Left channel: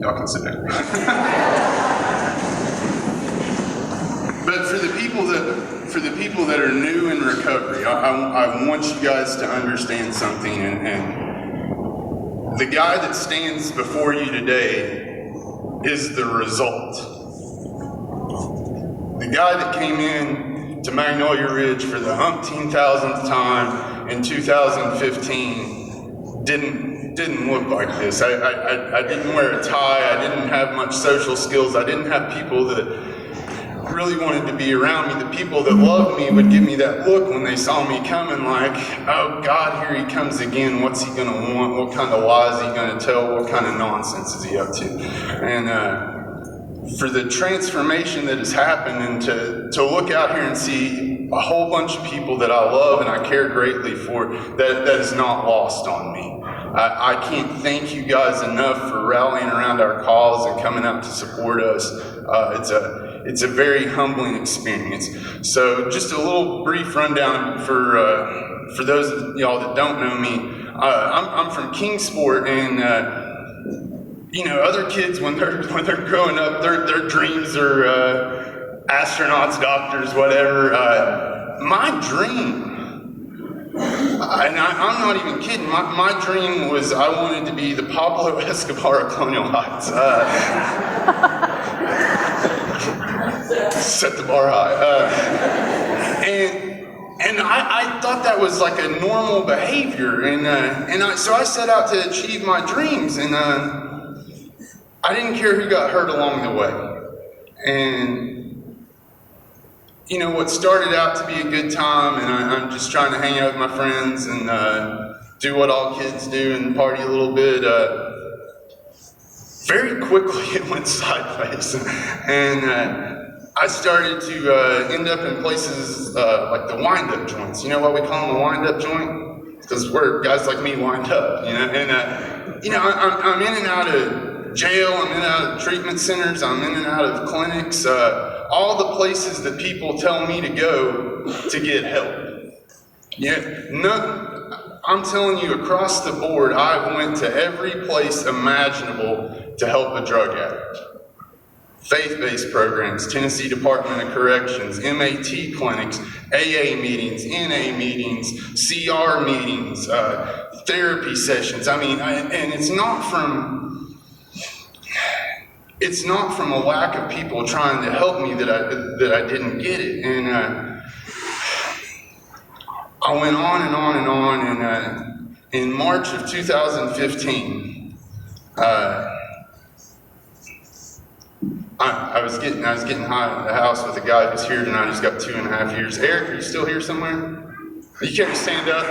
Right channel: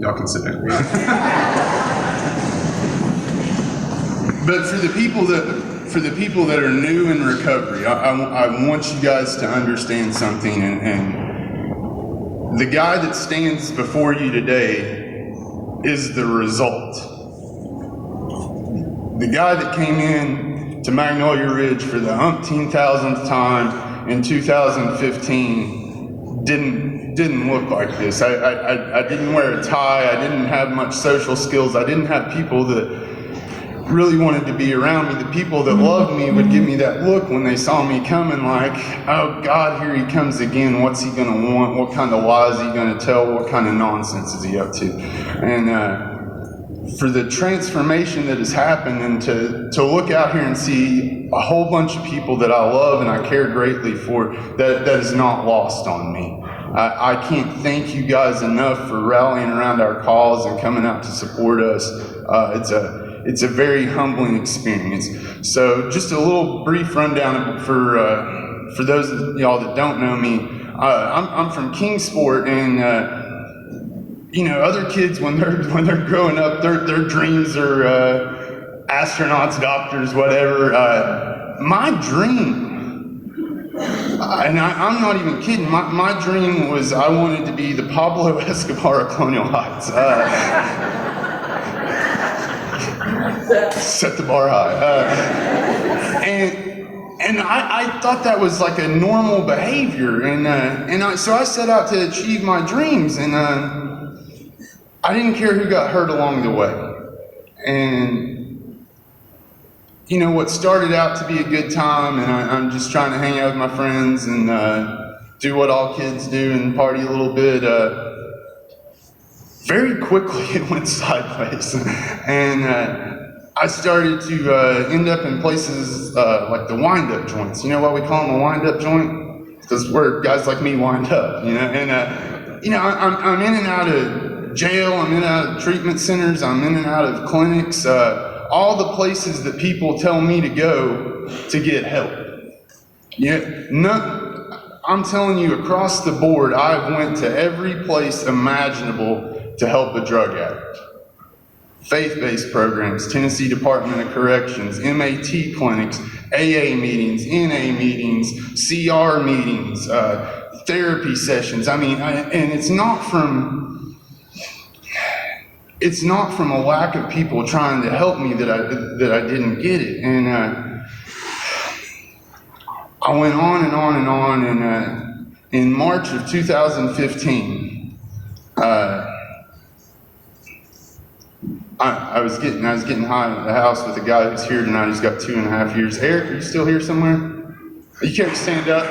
Y'all can sit down. But for the people that are new in recovery, I want you guys to understand something, and the guy that stands before you today is the result. The guy that came in to Magnolia Ridge for the umpteen-thousandth time in 2015 didn't look like this. I didn't wear a tie. I didn't have much social skills. I didn't have people that really wanted to be around me. The people that loved me would give me that look when they saw me coming, like, oh God, here he comes again. What's he going to want? What kind of lies is he going to tell? What kind of nonsense is he up to? And for the transformation that has happened, and to look out here and see a whole bunch of people that I love and I care greatly for, that is not lost on me. I can't thank you guys enough for rallying around our cause and coming out to support us. It's a very humbling experience. So just a little brief rundown for those of y'all that don't know me. I'm from Kingsport, and other kids when they're growing up, their dreams are astronauts, doctors, whatever. My dream, and I'm not even kidding, my dream was I wanted to be the Pablo Escobar of Colonial Heights. Set the bar high. And I thought that was like a normal behavior, so I set out to achieve my dreams, and I didn't care who got hurt along the way. And what started out to be a good time, and I'm just trying to hang out with my friends and do what all kids do and party a little bit. Very quickly it went sideways, and I started to end up in places like the wind-up joints. You know what we call them, a wind-up joint? Because where guys like me wind up, And I'm in and out of jail. I'm in and out of treatment centers. I'm in and out of clinics. All the places that people tell me to go to get help. I'm telling you, across the board, I've went to every place imaginable to help a drug addict. Faith-based programs, Tennessee Department of Corrections, MAT clinics, AA meetings, NA meetings, CR meetings, therapy sessions. And it's not from a lack of people trying to help me that I didn't get it. And I went on and on and on. And in March of 2015, I was getting high at the house with a guy who's here tonight. He's got 2.5 years. Eric, are you still here somewhere? You can't stand up.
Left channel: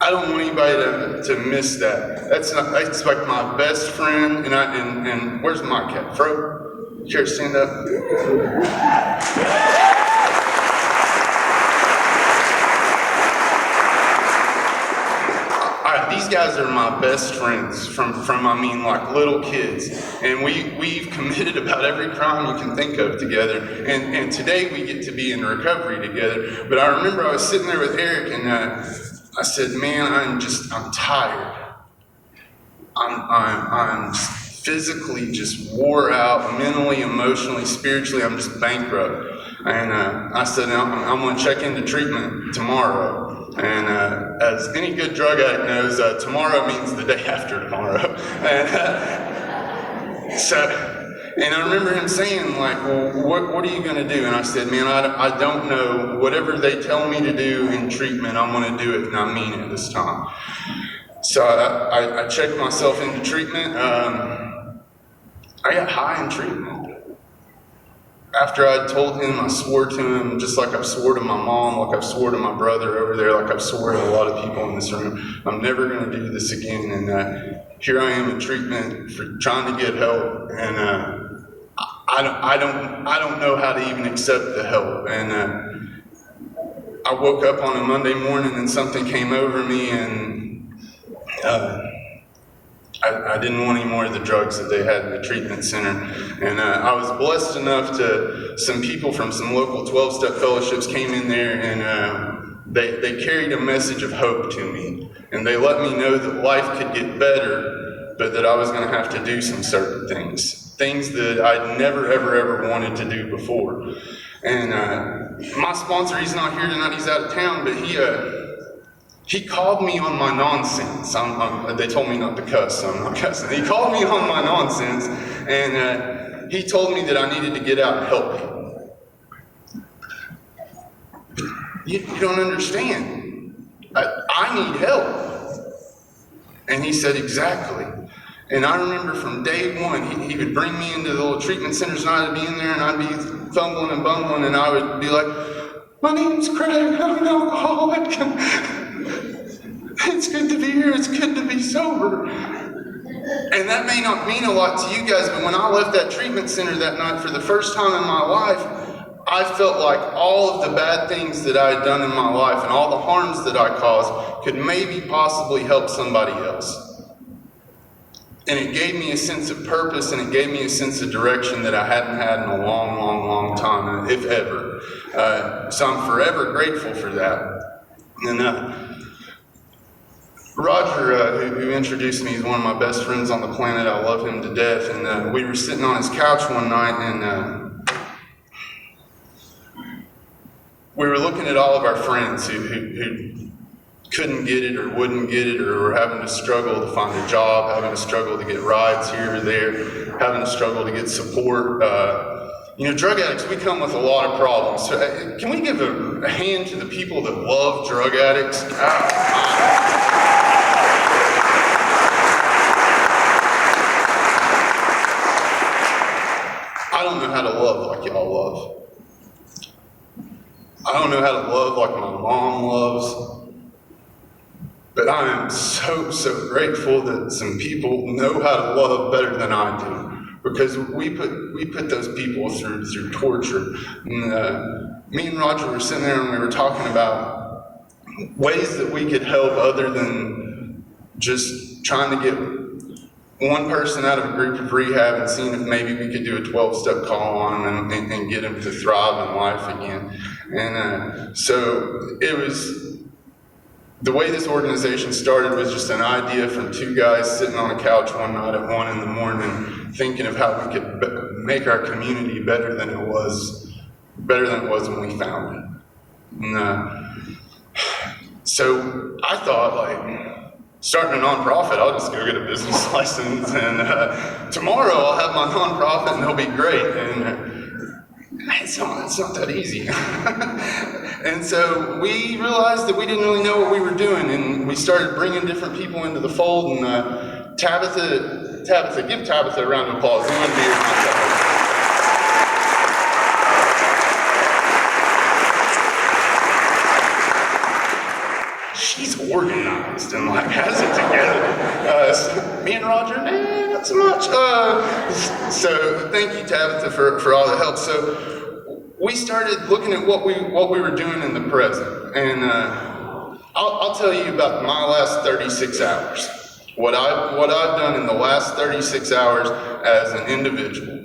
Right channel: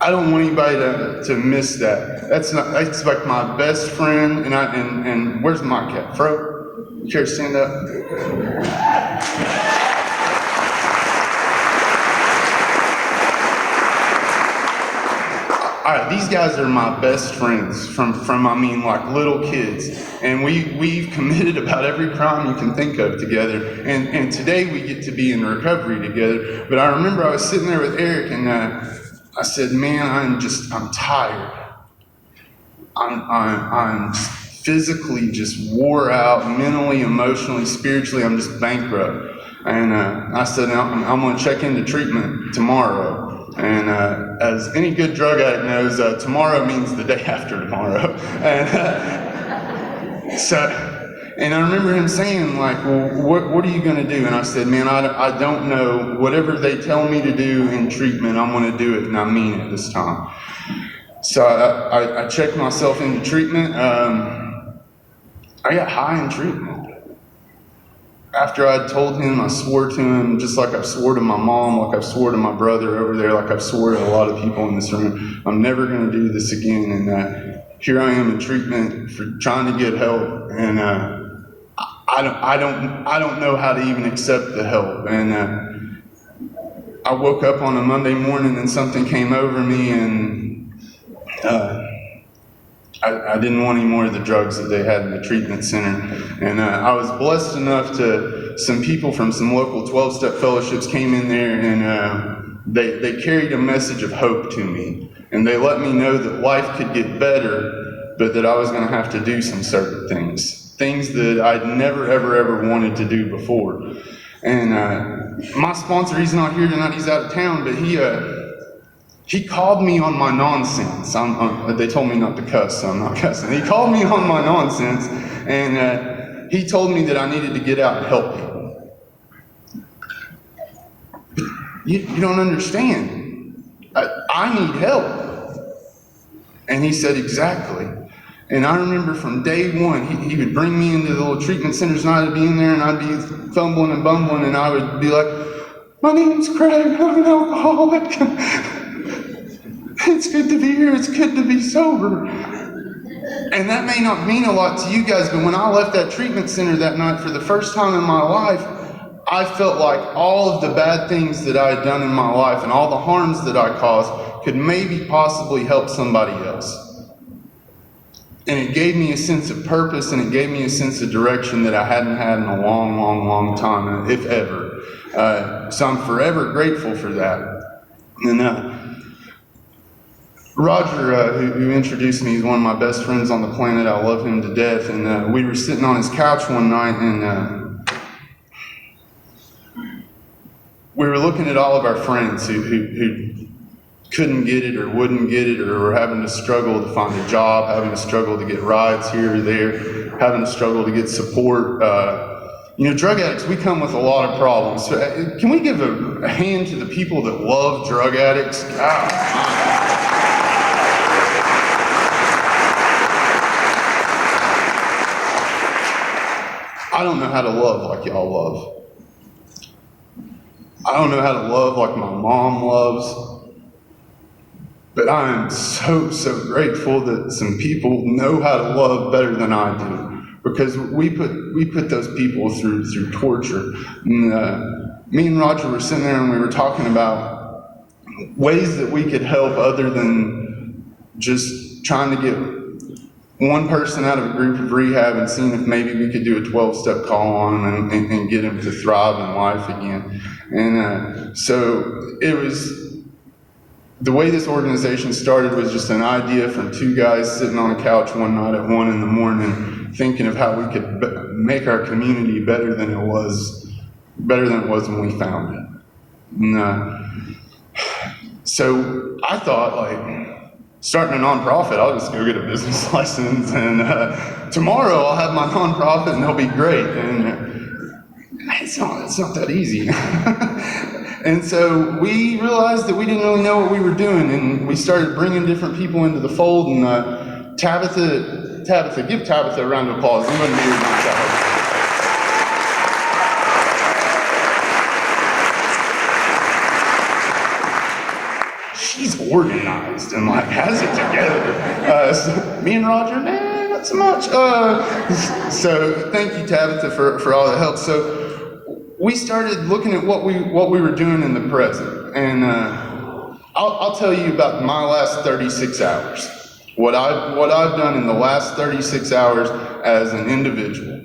I don't want anybody to miss that. That's like my best friend, and where's my cat? Fro? You care to stand up? All right, these guys are my best friends from like little kids, and we've committed about every crime you can think of together, and today we get to be in recovery together. But I remember I was sitting there with Eric, and I said, man, I'm tired. I'm physically just wore out, mentally, emotionally, spiritually, I'm just bankrupt. And I said, I'm going to check into treatment tomorrow. And as any good drug addict knows, tomorrow means the day after tomorrow. And I remember him saying, like, well, what are you going to do? And I said, man, I don't know. Whatever they tell me to do in treatment, I'm going to do it, and I mean it this time. So I checked myself into treatment. I got high in treatment. After I told him, I swore to him, just like I've swore to my mom, like I've swore to my brother over there, like I've swore to a lot of people in this room, I'm never going to do this again. And here I am in treatment for trying to get help, and I don't know how to even accept the help. And I woke up on a Monday morning and something came over me, and I didn't want any more of the drugs that they had in the treatment center. And I was blessed enough some people from some local 12-step fellowships came in there, and they carried a message of hope to me. And they let me know that life could get better, but that I was going to have to do some certain things that I'd never, ever, ever wanted to do before. And my sponsor, he's not here tonight, he's out of town, but he called me on my nonsense. They told me not to cuss, so I'm not cussing. He called me on my nonsense, and he told me that I needed to get out and help people. You don't understand. I need help. And he said, exactly. And I remember from day one, he would bring me into the little treatment centers, and I'd be in there, and I'd be fumbling and bumbling, and I would be like, my name's Craig, I'm an alcoholic. It's good to be here, it's good to be sober. And that may not mean a lot to you guys, but when I left that treatment center that night for the first time in my life, I felt like all of the bad things that I had done in my life and all the harms that I caused could maybe possibly help somebody else. And it gave me a sense of purpose, and it gave me a sense of direction that I hadn't had in a long, long, long time, if ever. So I'm forever grateful for that. And Roger, who introduced me, is one of my best friends on the planet. I love him to death. And we were sitting on his couch one night, and we were looking at all of our friends who couldn't get it or wouldn't get it, or were having to struggle to find a job, having to struggle to get rides here or there, having to struggle to get support. Drug addicts, we come with a lot of problems. So, can we give a hand to the people that love drug addicts? I don't know how to love like y'all love. I don't know how to love like my mom loves. But I am so grateful that some people know how to love better than I do, because we put those people through torture. And, me and Roger were sitting there and we were talking about ways that we could help other than just trying to get one person out of a group of rehab and seeing if maybe we could do a 12-step call on them and get them to thrive in life again. And so it was. The way this organization started was just an idea from two guys sitting on a couch one night at 1 a.m. thinking of how we could make our community better than it was when we found it. And, so I thought, starting a nonprofit, I'll just go get a business license, and tomorrow I'll have my nonprofit and they'll be great. And it's not that easy. And so we realized that we didn't really know what we were doing, and we started bringing different people into the fold. And Tabitha, give Tabitha a round of applause. You wouldn't be here without Tabitha. She's organized and has it together. So me and Roger, not so much. So thank you, Tabitha, for all the help. So we started looking at what we were doing in the present, and I'll tell you about my last 36 hours. What I've done in the last 36 hours as an individual.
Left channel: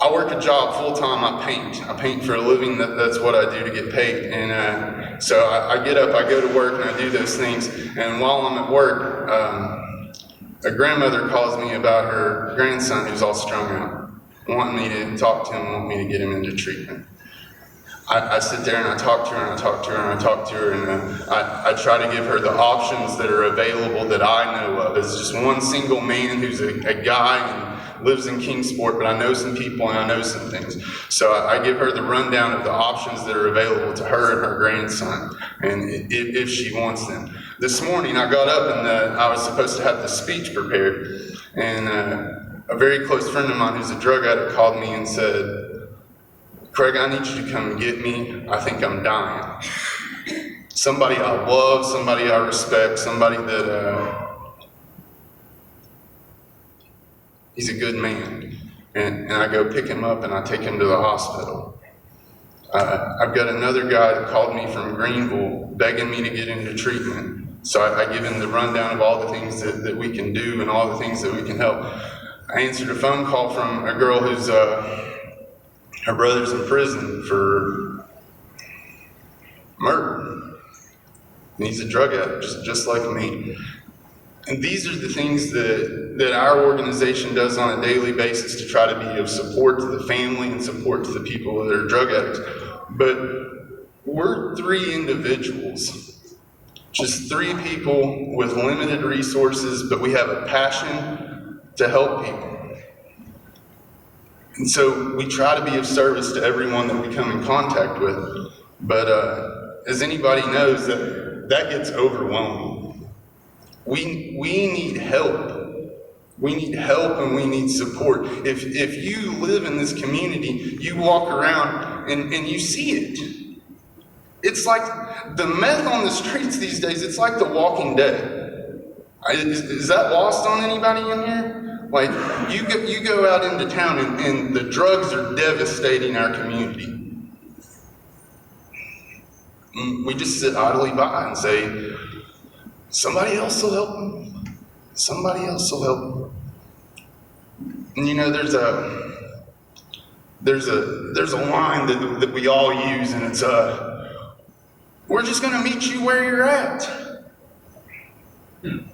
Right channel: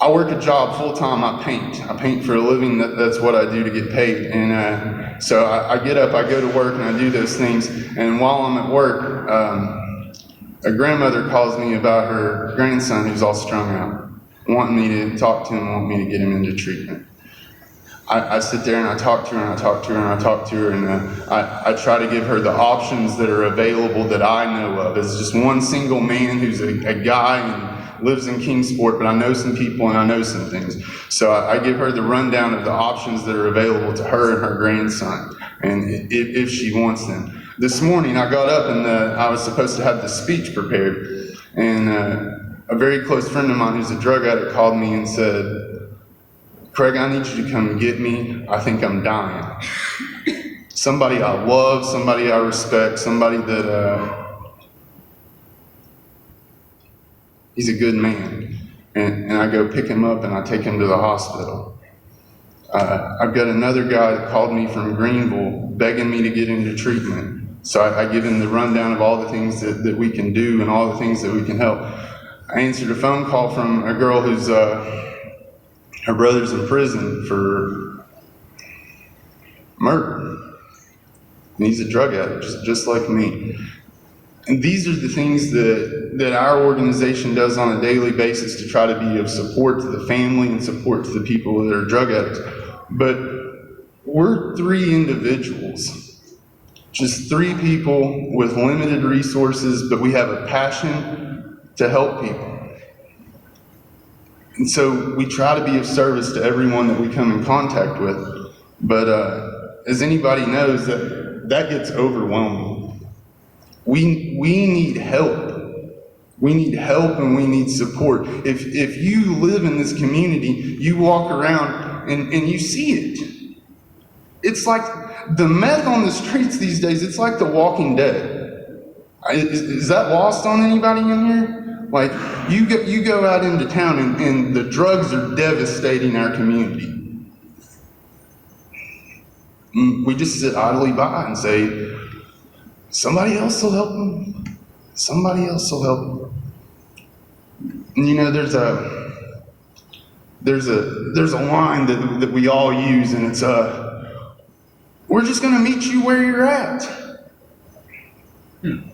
I work a job full time. I paint for a living. That's what I do to get paid. And so I get up, I go to work, and I do those things. And while I'm at work, a grandmother calls me about her grandson who's all strung out, wanting me to talk to him, wanting me to get him into treatment. I sit there and I talk to her and I talk to her and I talk to her, and I try to give her the options that are available that I know of. As just one single man who's a guy and lives in Kingsport, but I know some people and I know some things. So I give her the rundown of the options that are available to her and her grandson, and if she wants them. This morning I got up and I was supposed to have the speech prepared, and a very close friend of mine who's a drug addict called me and said, Craig, I need you to come get me. I think I'm dying. Somebody I love, somebody I respect, somebody that he's a good man. And I go pick him up and I take him to the hospital. I've got another guy that called me from Greenville begging me to get into treatment. So I give him the rundown of all the things that we can do and all the things that we can help. I answered a phone call from a girl who's, her brother's in prison for murder. And he's a drug addict, just like me. And these are the things that our organization does on a daily basis to try to be of support to the family and support to the people that are drug addicts. But we're 3 individuals, just 3 people with limited resources, but we have a passion to help people. And so we try to be of service to everyone that we come in contact with. But as anybody knows, that gets overwhelming. We need help. We need help and we need support. If you live in this community, you walk around and you see it. It's like the meth on the streets these days, it's like The Walking Dead. Is that lost on anybody in here? Like, you go out into town and the drugs are devastating our community. We just sit idly by and say, somebody else will help them. Somebody else will help them. And you know, there's a line that we all use, and it's we're just going to meet you where you're at.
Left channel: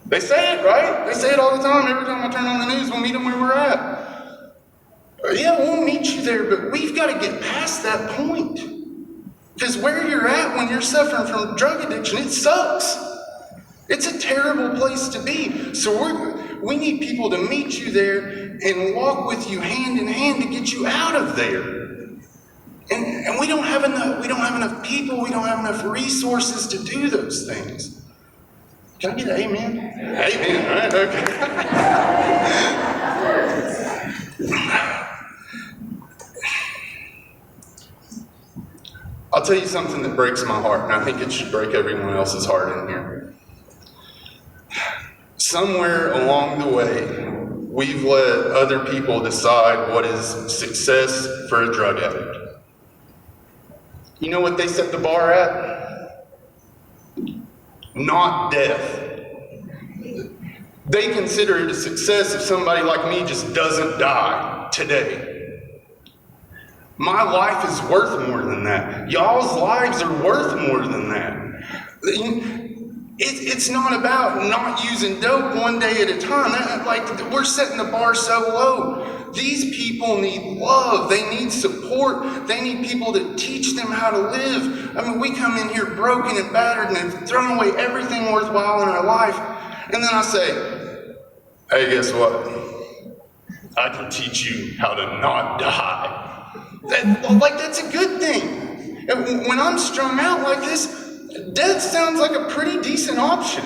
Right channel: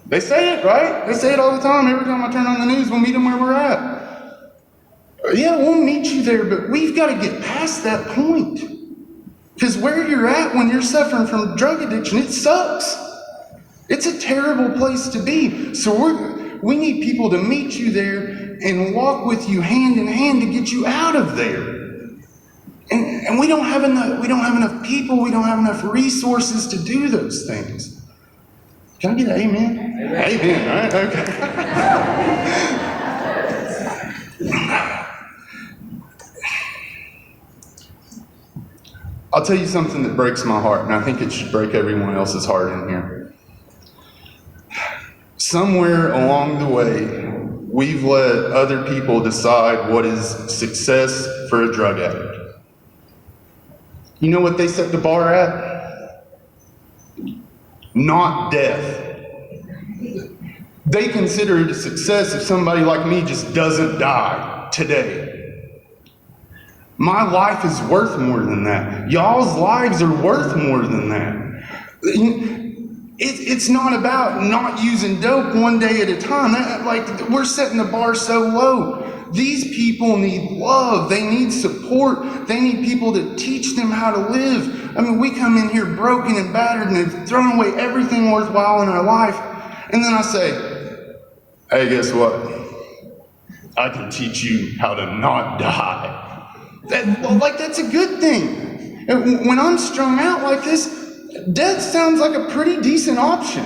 They say it, right? They say it all the time. Every time I turn on the news, we'll meet them where we're at. Yeah, we'll meet you there, but we've got to get past that point. Because where you're at when you're suffering from drug addiction, it sucks. It's a terrible place to be. So we need people to meet you there and walk with you hand in hand to get you out of there. And we don't have enough people, we don't have enough resources to do those things. Can I get an amen? Amen, all right, okay. I'll tell you something that breaks my heart, and I think it should break everyone else's heart in here. Somewhere along the way, we've let other people decide what is success for a drug addict. You know what they set the bar at? Not death. They consider it a success if somebody like me just doesn't die today. My life is worth more than that. Y'all's lives are worth more than that. It's not about not using dope one day at a time. We're setting the bar so low. These people need love. They need support. They need people to teach them how to live. I mean, we come in here broken and battered and have thrown away everything worthwhile in our life. And then I say, hey, guess what? I can teach you how to not die. That's a good thing. And when I'm strung out like this, death sounds like a pretty decent option.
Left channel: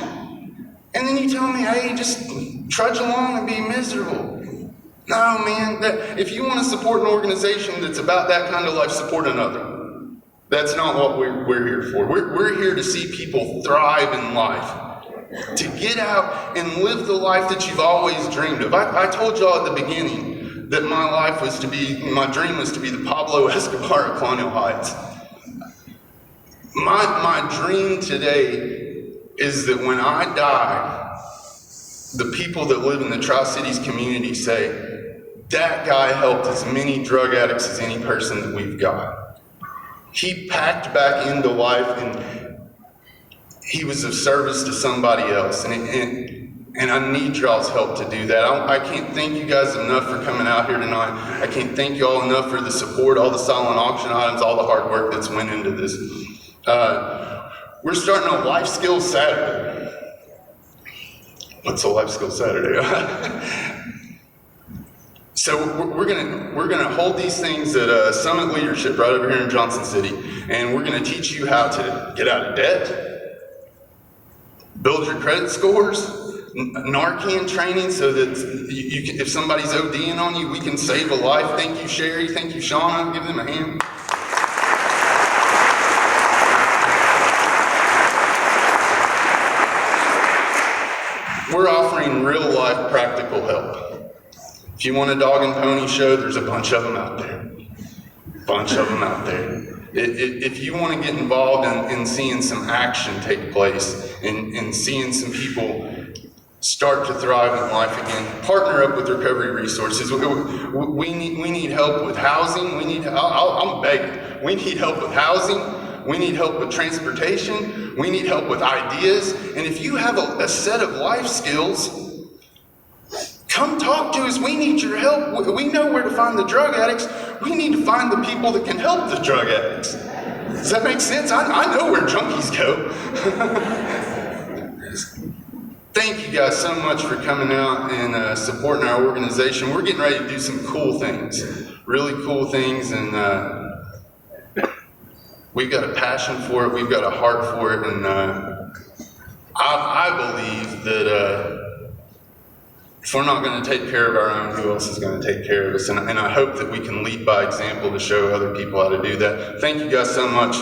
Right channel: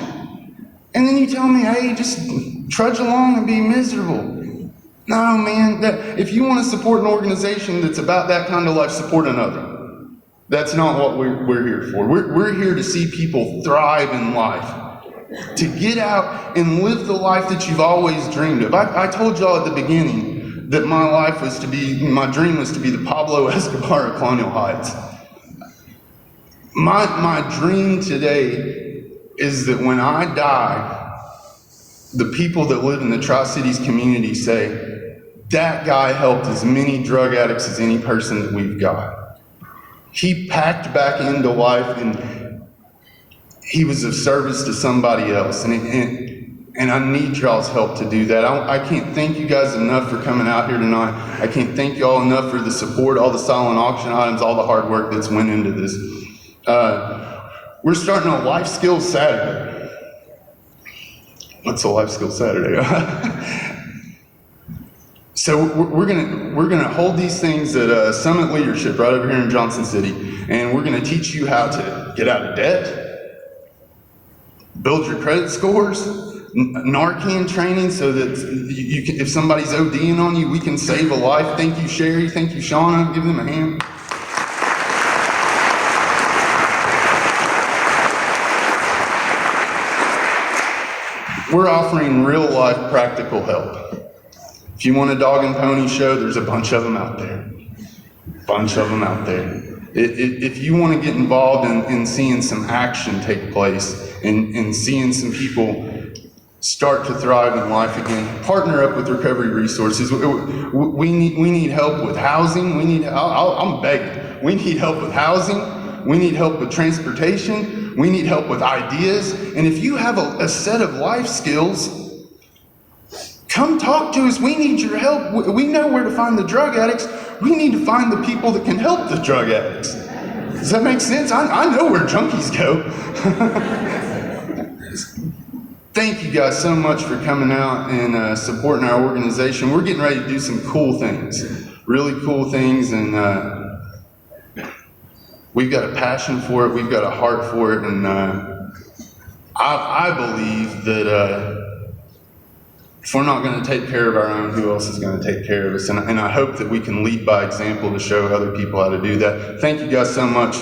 And then you tell me, hey, just trudge along and be miserable. No, man, if you want to support an organization that's about that kind of life, support another. That's not what we're here for. We're here to see people thrive in life, to get out and live the life that you've always dreamed of. I told y'all at the beginning that my dream was to be the Pablo Escobar of Colonial Heights. My dream today is that when I die, the people that live in the Tri-Cities community say, that guy helped as many drug addicts as any person that we've got. He packed back into life and he was of service to somebody else. And I need y'all's help to do that. I can't thank you guys enough for coming out here tonight. I can't thank you all enough for the support, all the silent auction items, all the hard work that's went into this. We're starting a Life Skills Saturday. What's a Life Skills Saturday? So we're gonna hold these things at Summit Leadership right over here in Johnson City, and we're gonna teach you how to get out of debt, build your credit scores, Narcan training so that you can, if somebody's ODing on you, we can save a life. Thank you, Sherry. Thank you, Shauna. Give them a hand. We're offering real-life practical help. If you want a dog and pony show, there's a bunch of them out there. If you want to get involved in seeing some action take place and seeing some people start to thrive in life again. Partner up with recovery resources. We need help with housing. I'm begging. We need help with housing. We need help with transportation. We need help with ideas. And if you have a set of life skills, come talk to us. We need your help. We know where to find the drug addicts. We need to find the people that can help the drug addicts. Does that make sense? I know where junkies go. Thank you guys so much for coming out and supporting our organization. We're getting ready to do some cool things, really cool things, and we've got a passion for it. We've got a heart for it, and I believe that if we're not going to take care of our own, who else is going to take care of us? And I hope that we can lead by example to show other people how to do that. Thank you guys so much.